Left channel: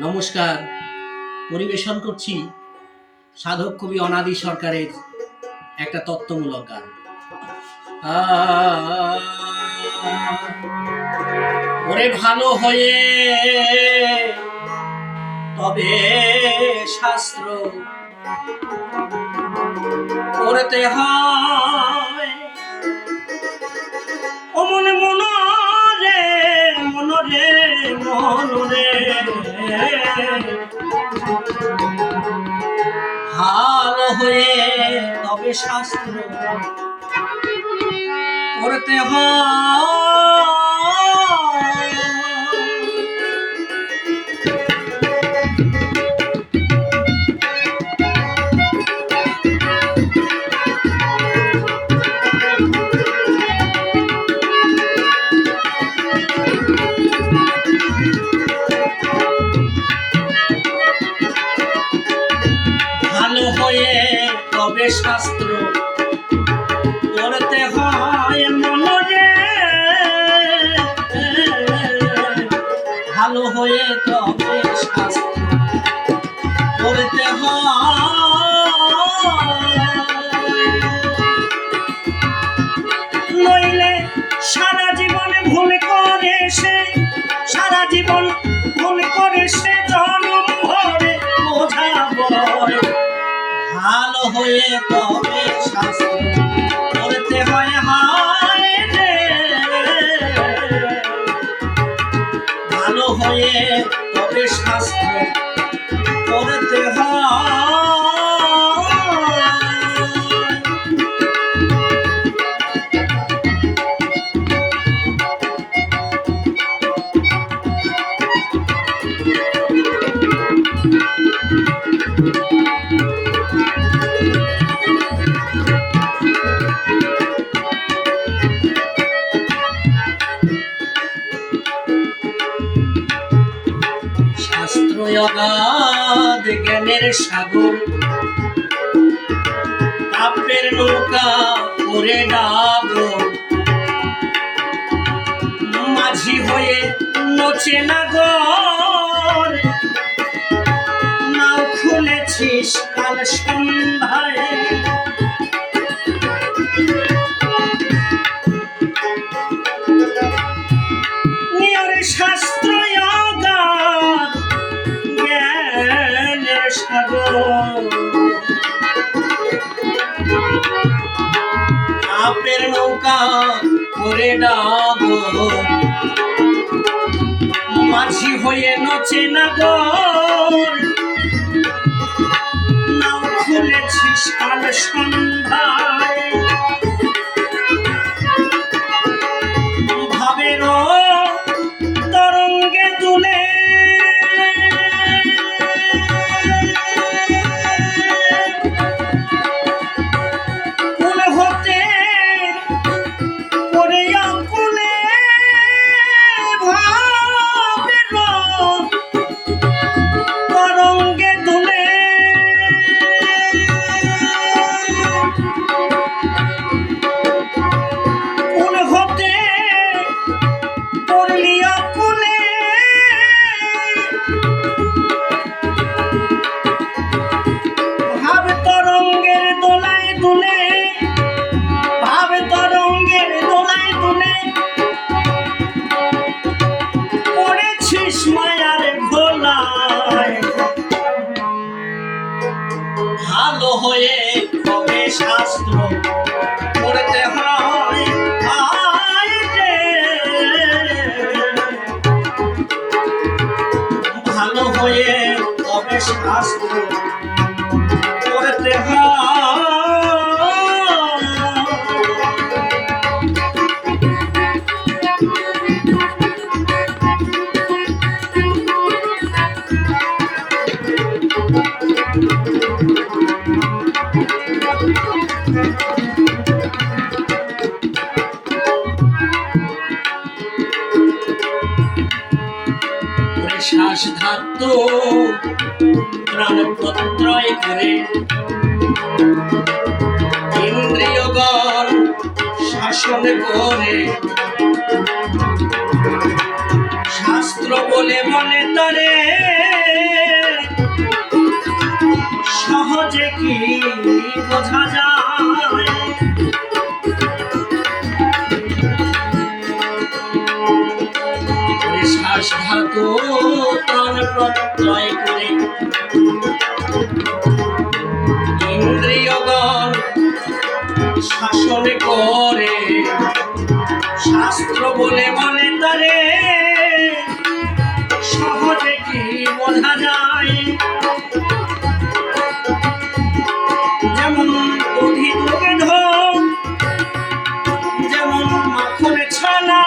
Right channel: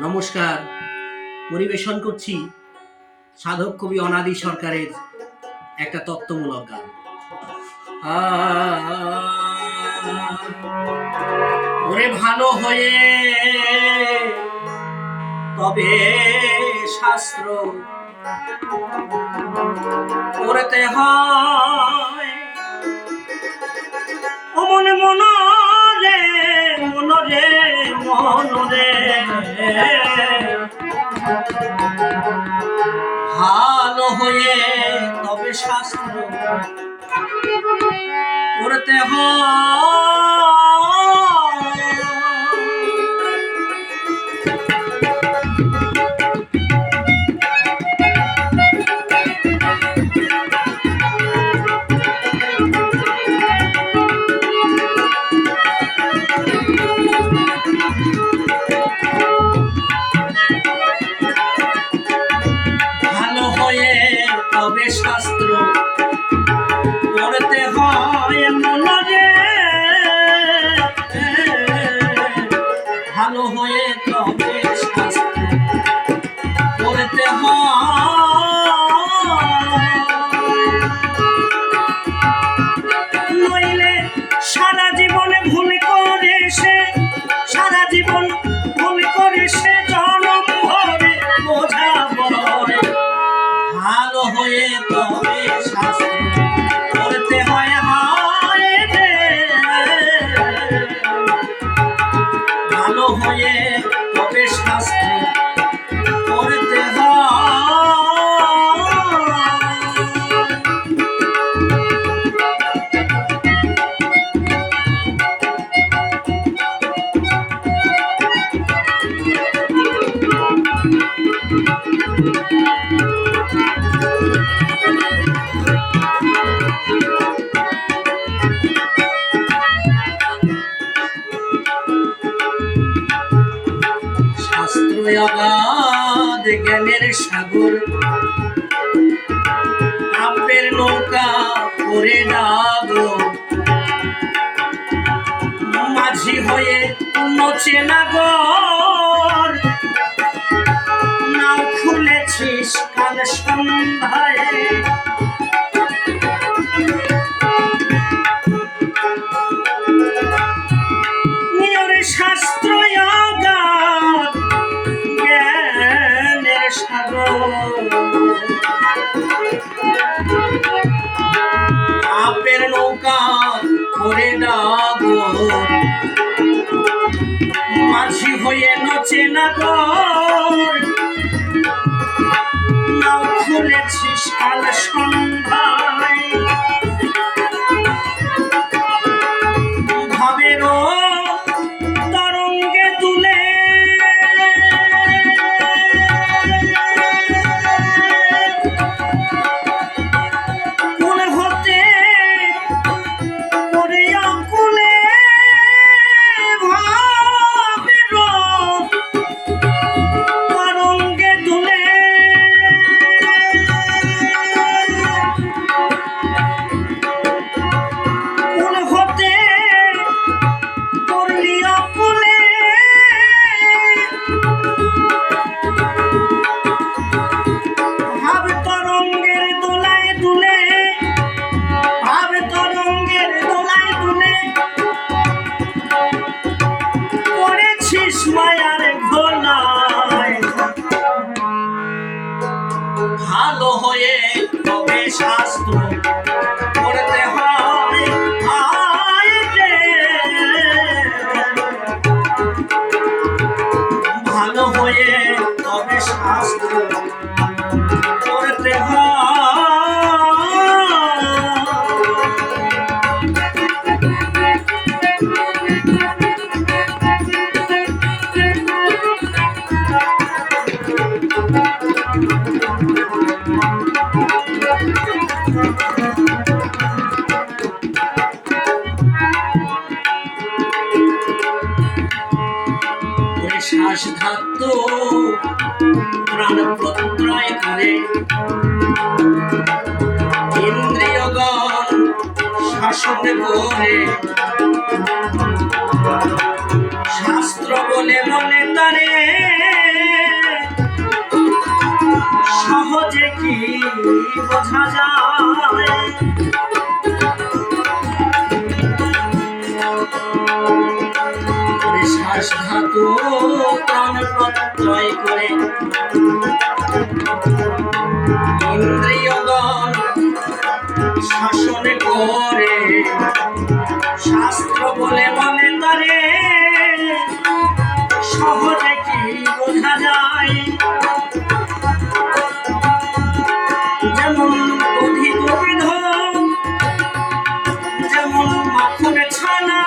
নমস্কার। পরিবেশন করছি সাধক কবি অনাদি সরকারের একটা তত্ত্বমূলক গান। ওরে ভালো হয়ে তবে শাস্ত্র করতে হয়, ও মনে মনরে মনরে মনরে ভালো হয়ে তবে শাস্ত্র করতে হয়। ভালো হয়ে তবে শাস্ত্র করতে হয় মনরে, ভালো হয়ে তবে শাস্ত্র করতে হয়, নইলে সারা জীবনে ভুল করে সে, সারা জীবন ভুল করে সে জনম ভরে বোঝাবো। ভালো হয়ে তবে শাস্ত্র করতে হয়, হায় রে ভালো হয়ে তবে শাস্ত্র করতে হয়। শাস্ত্র অগাধ জ্ঞানের সাগর, কাব্যের নৌকা করে ডাগর, মাঝি হয়ে নচে নাগর, নাও খুলেছিস কাল সন্ধ্যায়, নিয়রে শাস্ত্র অগাধ জ্ঞানের সাগর, কাব্যের নৌকা করে ডাগর, মাঝি হয়ে নচে নাগর, নাও খুলেছিস কাল সন্ধ্যায়, ভাবেরও তরঙ্গে তুলে কুল হতে পড়ে অকুলে, ভাবেরও তরঙ্গে তুলে কুল হতে পড়লি অকুলে, ভাব তরঙ্গের দোলায় দুলে, ভাব তরঙ্গের দোলায় দুলে পড়েছিস মায়ার ঘোলায়। ভালো হয়ে তবে শাস্ত্র করতে হয়, হায় রে ভালো হয়ে তবে শাস্ত্র করতে হয়। শ্বাস ধাত্র প্রাণ প্রত্যয় করে, ইন্দ্রিয়গণ শাসন করে, শাস্ত্র বলে মনে তারে সহজে কি বোঝা যায়। শ্বাস ধাতু প্রাণ প্রত্যয় করে ইন্দ্রিয়গণ শাসন করে, শাস্ত্র বলে বলে তারে সহজে কি বোঝা যায়। যেমন দধি দুগ্ধ, যেমন মাখন ছানা,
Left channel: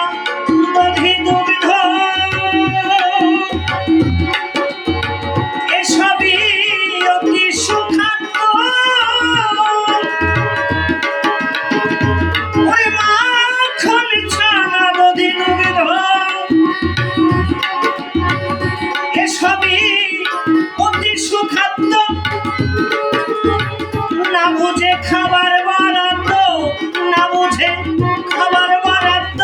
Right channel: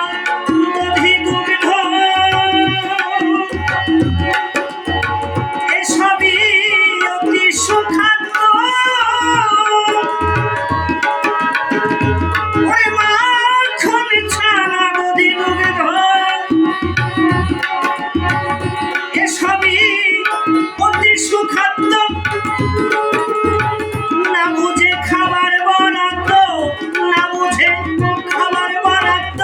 দধি দুগ্ধ এসবই অতি সুখাদ্য। ওই মাখন ছানা দধি দুগ্ধ এসবই অতি সুখাদ্য। না বুঝে খাবার বরাদ্দ, না বুঝে খাবার বরাদ্দ,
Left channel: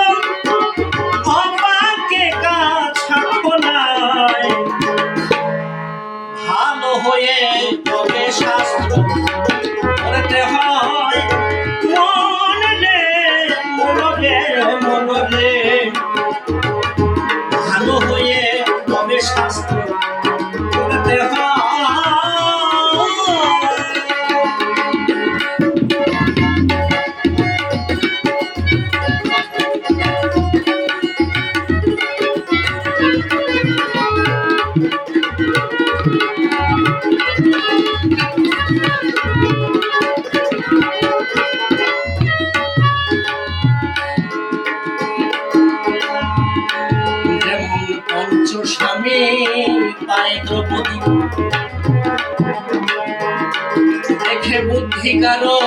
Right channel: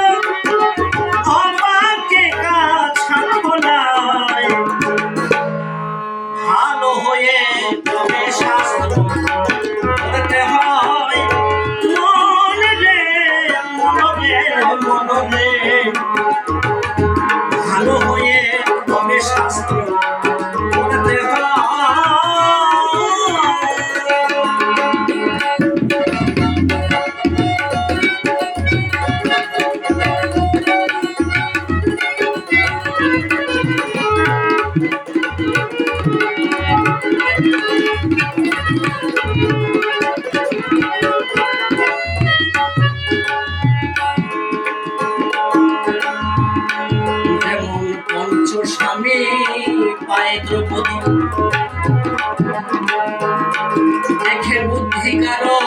অবাকে কাছা খোলায়। ভালো হয়ে তবে শাস্ত্র করতে হয় মন রে, মন রে, মন রে। ভালো হয়ে তবে শাস্ত্র করতে হয়। যেমন পঞ্চস্বামী পায় দ্রৌপদী, দেখে বুদ্ধি কারো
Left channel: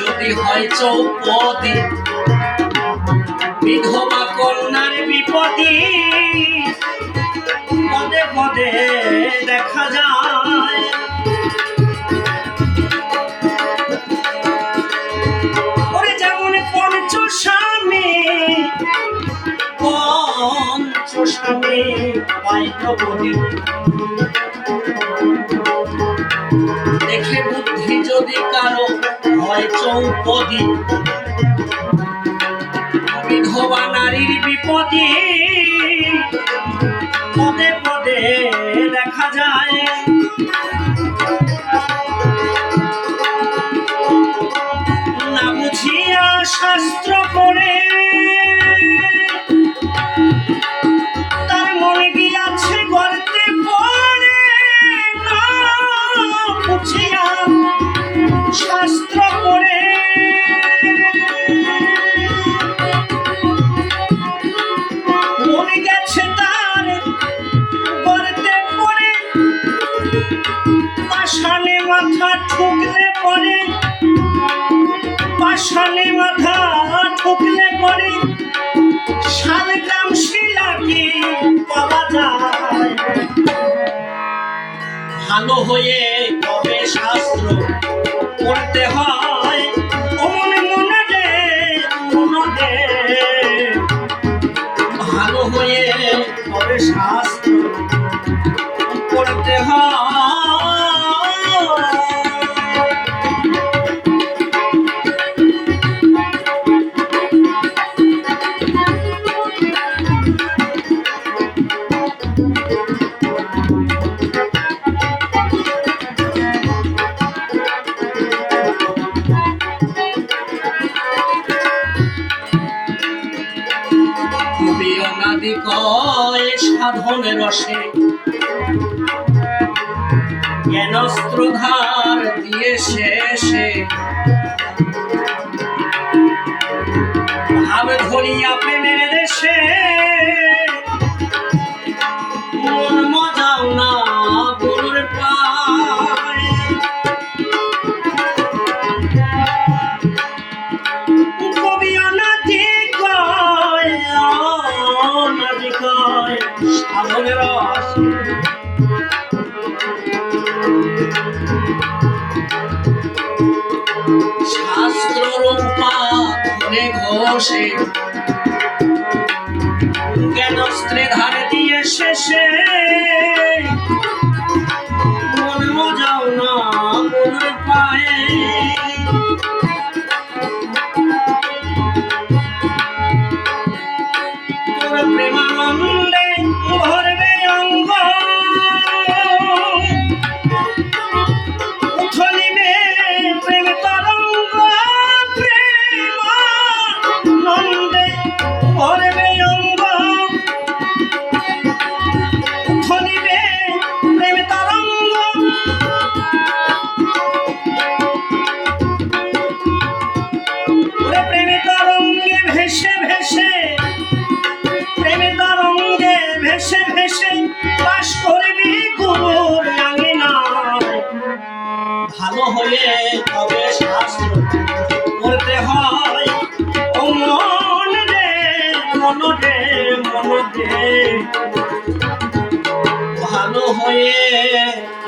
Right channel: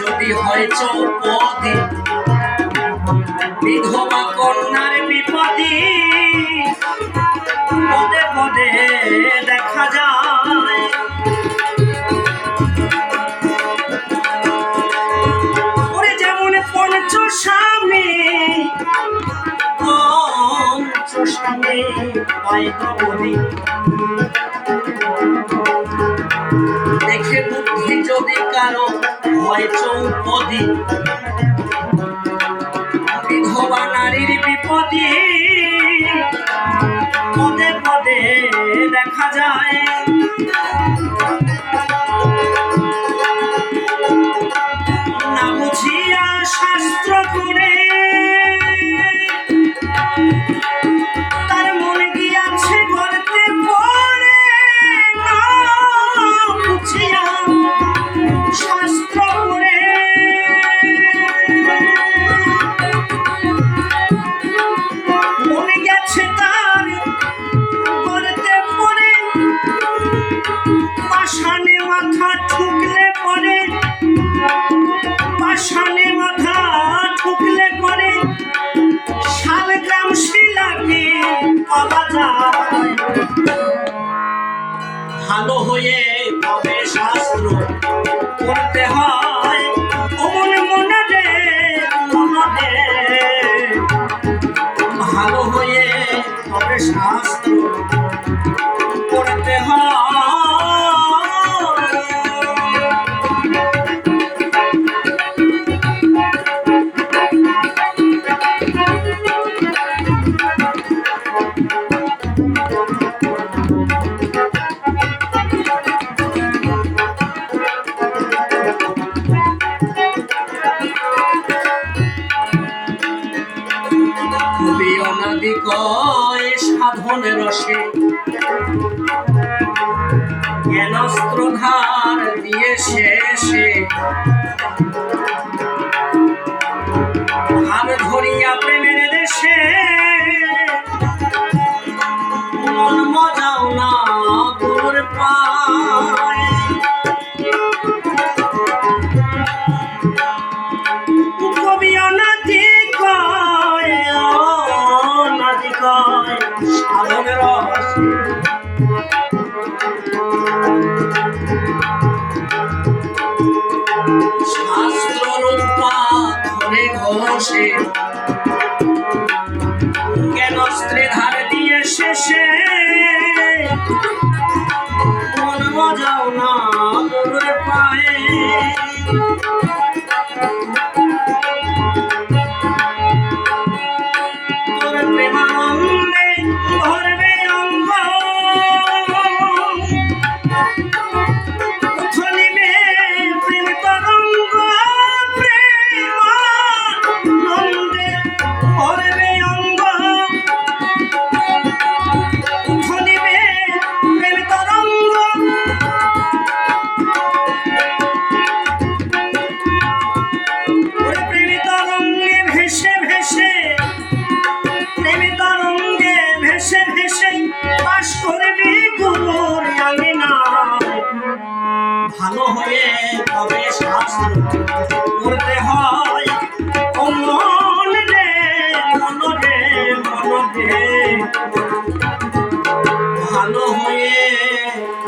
যদি হয় চৌপদী। বিধবা কন্যার বিপদী পদে পদে দেখা যায়। ওরে যেমন পঞ্চস্বামী পায় দ্রৌপদী, দেখে বুদ্ধি যদি কারো হয় চৌপদী। বিধবা নারীর বিপদী পদে পদে দেখা যায়। না বুঝিয়া শাস্ত্র করে তার মনে গিয়াছে গর্তে পড়ে। না বুঝিয়া শাস্ত্র করে মনে গেছে তার গর্তে পড়ে। পাষাণে মাথা ঠুকলে পড়ে, পাষাণে মাথা ঠুকলে পড়ে শালগ্রাম শিলাকে পাওয়া যায়। ভালো হয়ে তবে শাস্ত্র করতে হয় অমন মনে দে, মনে দে। ভালো হয়ে তবে শাস্ত্র করতে হয়। কবি অনাদি কয় সাধন রসে জ্ঞানস্ত্র ধার দিয়ে শেষে। ভাব ধরিয়া প্রেমের দেশে মন মজাও না গুরুর পায়। কবি অনাদি কয়, অনাদি কয় সাধন রসে শাস্ত্র রূপা ধরে ঘোষে জ্ঞানস্ত্রে ধার দিয়ে শেষে মন মজাও না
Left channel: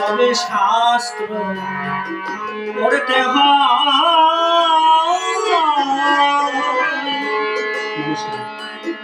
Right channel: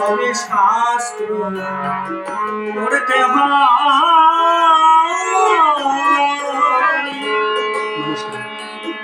তবে শাস্ত্র পড়তে হয়